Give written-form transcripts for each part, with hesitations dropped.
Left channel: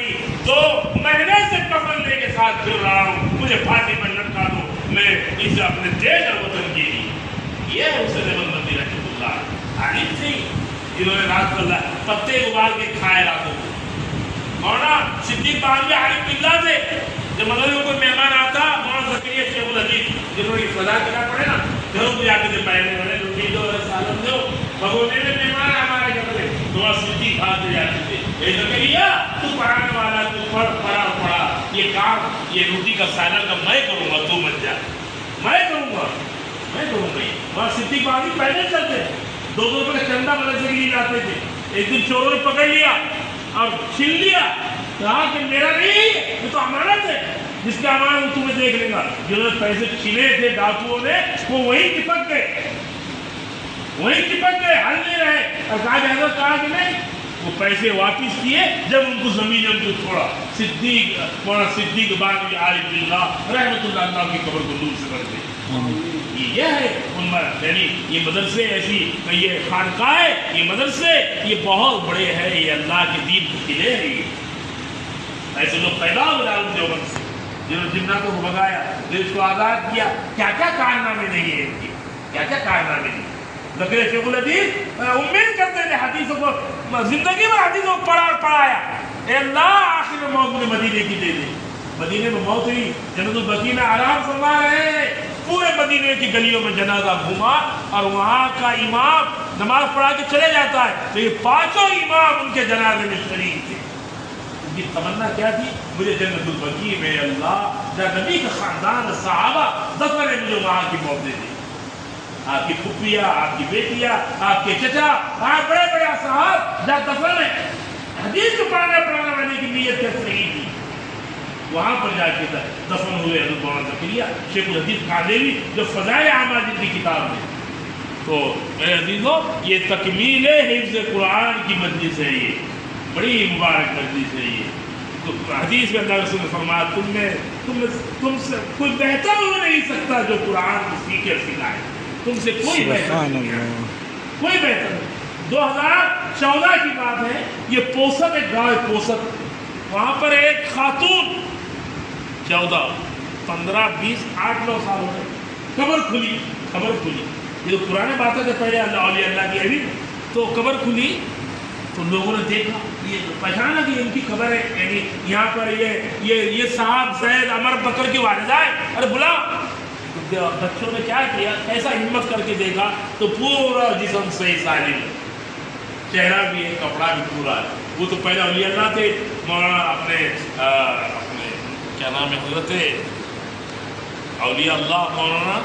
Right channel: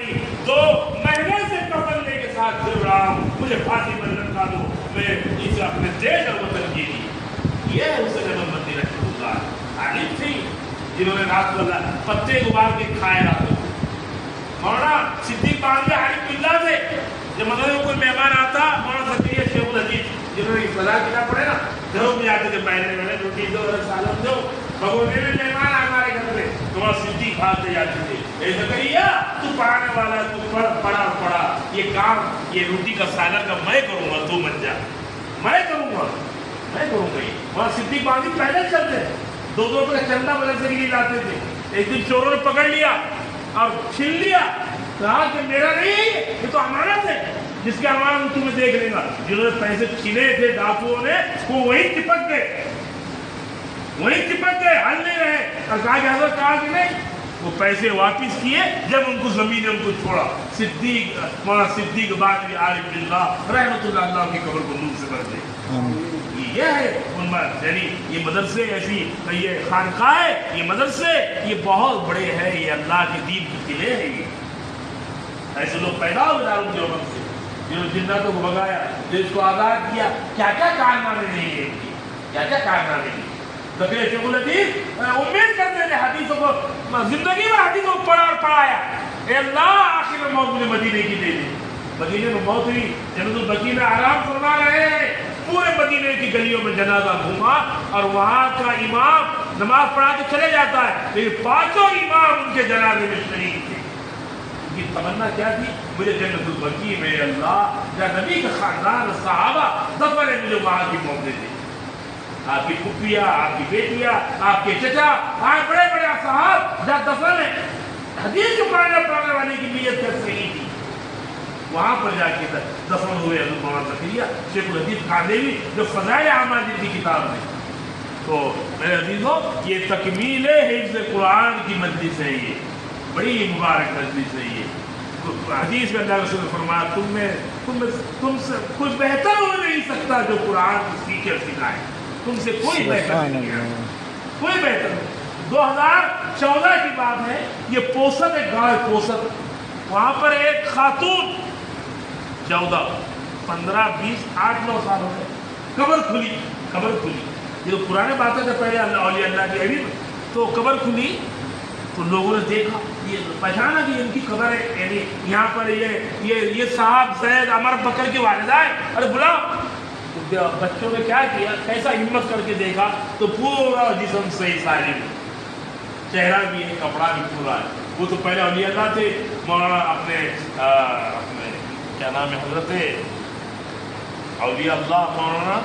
نہیں, 2 مہینے سے کفن لے کے ساتھ پھر رہا ہوں, مجھے پھانسی پر لٹکا دو, میں اسے اپنے دیش اور وطن کے لیے. یہ ہے حسین احمد مدنی رحمۃ اللہ. عالم تھے جنہوں نے رات کو پتے ابال کے کھائے راتوں کو. مولانا صدیق بانوی عارف باللہ تھے. جب مدرسے میں کوئی مہمان آتا, مولانا زکریا شیخ العزیز جنہوں نے سزا کتاب پڑھے نا, گھروں میں جاتے تھے پہلے والے روٹی دو سالم دو, بگونے میں مہمان ہمارے گھر میں تو صدیق آتے جاتے تھے, اے زکریا تو پڑھانے والا, تو پڑھا, یہ کام یہ روٹی کا سالن کا میں کروں گا, تو بن جا, میں کروں گا. یہ وہاں صدیق بانوی پہلے چلتے, 2 روپے کا چندہ مدرسے کے لیے جاتے تھے. ایک دن چوروں نے پکڑ لیا اور چھین لیا, کہا کہ میرا نہیں ہے, یہ تو امانت ہے, جس کے امانت میں تمہیں دیکھ لیں گا. جنہوں نے پیسے چھینے تھے ڈاکوؤں نے, وہ وہیں چپک گئے, ہل نہیں رہے, اور کہا کہ حضرت کہا کہ نہیں, وہ پیسے واپس کیے جب ان کو زمین نے ان کو چھوڑا. مولانا صدیق بانوی عارف باللہ رحمۃ اللہ کی قبر کو نور سے بھر دے. یہ ہے یعنی یہ مدرسے ایسی, یہ خانقاہ, یہ مدرسے, یہ بہت بڑے ہیں, یہ اللہ کے دین کے قلعے ہیں. یہ ایسے لوگ پیدا ہو گئے دیوبند سے, جنہوں نے جناتوں کو بھگایا, دیش کو آزاد کیا. کیا کیا کارنامے نہیں ہے ان کے, کیا کیا کارنامے نہیں. زکریا شیخ العزیز امید کرتے تھے حدیثوں کو, زندگی میں حدیثوں کو پڑھا اور پڑھایا. اے اللہ آخر میں موت مجھے مدینے کی دے دی. مدینے میں موت ہوئی, جنت البقیع میں آرام فرما رہے ہیں. پورے مدینے کی گلیوں میں جنازہ گھوما, اور وہاں کا امام نماز پڑھا کے چلے جاتا ہے, تو یہ 5 امام ان کے جنازے میں شریک تھے. ان کی تمنا کیا تھی, مجھے جنت البقیع میں اللہ یا نبی کا خاندان صحابہ دفن ہے, مجھے وہاں کی موت دے دی. آپ کی پھپھیاں, آپ کی بیٹیاں, آپ کے چچا, آپ بڑے بڑے اصحاب جہاں دفن ہے. حدیث کے پڑھانے والے کی نیت کیا صحیح تھی, وہاں پر جا کے دفن ہوئے حضرت مولانا زکریا شیخ العزیز کاندھلوی, جو فضائل عامہ جن کی کتاب ہے. تو میرے عزیزو, یہ تکمیل حفظ قرآن کی مجلس ہے, یہ بڑی مبارک مجلس ہے. یہ حدیث میں اللہ رسول نے فرمایا, تم سے کوئی بہتر ہو نہیں سکتا جو قرآن سیکھے سکھائے. تم سے کوئی بہتر نہیں ہے, کوئی بہتر نہیں. 2014 کی بات ہے, یہ پوسد, ایک گاؤں ہے پوسد, وہاں پر ایک خاتون 14, 15, 20, 8, 9 سال ہو گئے, قبر کھلی. یہ تو پرانے باتیں سے پہلے اولیاء اللہ کی ابھی, تو قبر کھلی تو لوگوں نے دیکھا, یہ پہچانا کہ ان کی قبر ہے, یعنی یہاں پر یہ صاحب زید عمر بکر کی والدہ ہے. ارے بلا, بچوں نے کیا کیا, ایسا ہمت کر کے دیکھا تو پورا جسم صحیح سالم, چہرہ بھی ہے, کپڑا بھی پورا ہے. وہ تو پہلے اولیاء اللہ تھے. مولانا اپنے کیا نام ہے, حضرت اولیاء اللہ مولانا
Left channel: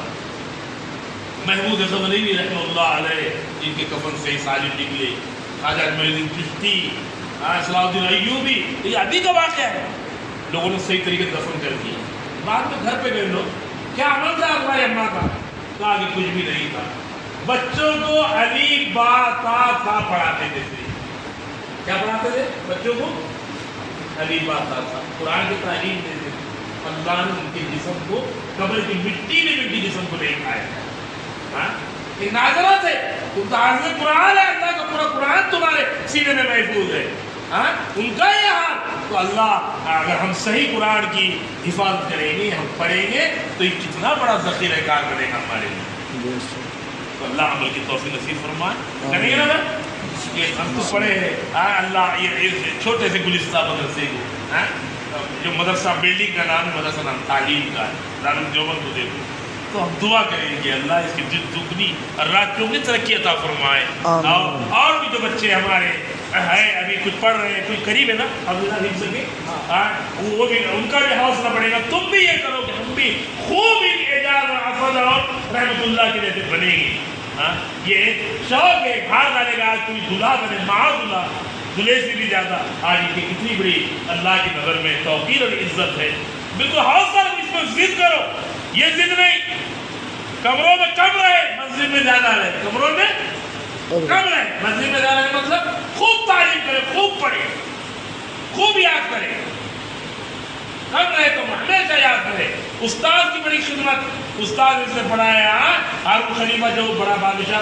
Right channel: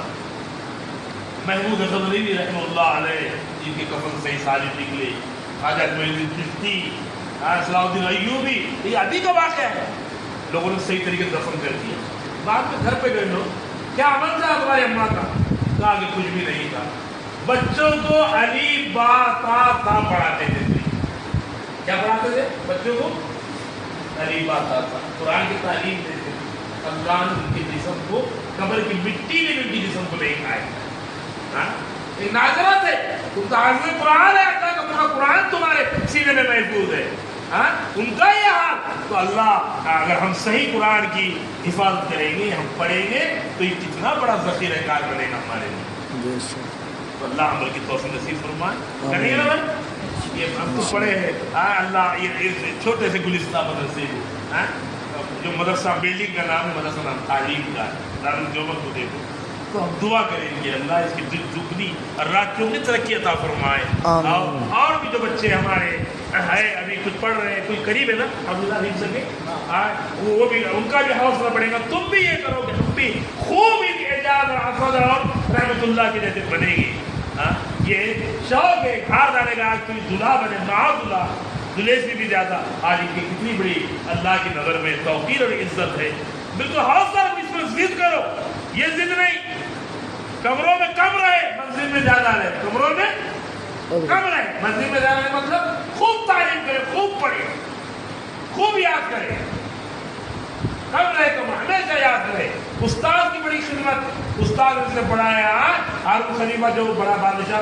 محمود حسن علیوی رحمہ اللہ علیہ, جن کے کفن سے سالم نکلے. خواجہ اجمیری چشتی, صلاح الدین ایوبی, یہ ابھی کا واقعہ ہے. لوگوں نے صحیح طریقے سے دفن کر دیا. بعد میں گھر پہ گئے لوگ, کیا عمل تھا تمہاری اماں کا, کہا کہ کچھ بھی نہیں تھا. بچوں کو الف با تا تھا پڑھاتے تھے. کیا پڑھاتے تھے بچوں کو, الف با تا تھا, قرآن کی تعلیم دیتے. خاندان ان کے جسم کو, قبر کی مٹی نے ان کے جسم کو نہیں کھایا. ایک ناظرہ تھے, تم تو حافظ قرآن ہے, اللہ کا پورا قرآن تمہارے سینے میں محفوظ ہے. ان کا یہ حال, تو اللہ اگر ہم صحیح قرآن کی حفاظت کریں گے, ہم پڑھیں گے, تو یہ کتنا بڑا ذخیرہ کار بنے گا ہمارے لیے. تو اللہ عمل کی توفیق نصیب فرمائے. ہم تو پڑھے اللہ یہ چھوٹے سے گلستہ مدرسے کو, جو مدرسہ بلڈنگ کا نام ہے, مدرسہ نام تعلیم کا ہے, دارالعلوم دیوبند کو دیکھو. تو ہم دعا کریں گے اللہ اس کی دگنی اور رات چوگنی ترقی عطا فرمائے. اور بھی جو بچے ہمارے ہیں ابھی کچھ پڑھ رہے ہیں, کوئی قریب ہے نا عبداللہ حفظ سنگے, وہ بھی ان کا بھی حوصلہ بڑھے گا. تم بھی یہ کرو کہ تم بھی خوب اعجاز اور حفظ اور رحمۃ اللہ کے جیسے بنے گے. یہ شوق ہے, بھاگ آنے کا, کوئی دلہا بنے, معاذ دلہے سے بھی زیادہ آج کی کتنی بڑی اللہ کی نظر میں توقیر اور عزت ہے. بالکل حوصلہ اس میں ضد کرو, یہ ضد نہیں, کمروں میں کم رہے, مسجد میں زیادہ رہے. کمروں میں کم رہے, مسجد میں زیادہ رہے, مطلب خوب تعلیم کرے, خوب پڑھے, خوب یاد کرے. کم رہے تو ہمیشہ یاد کرے. استاد کی بڑی خدمت, استاد نے پڑھایا. ہارون خلیفہ جو بڑا بادشاہ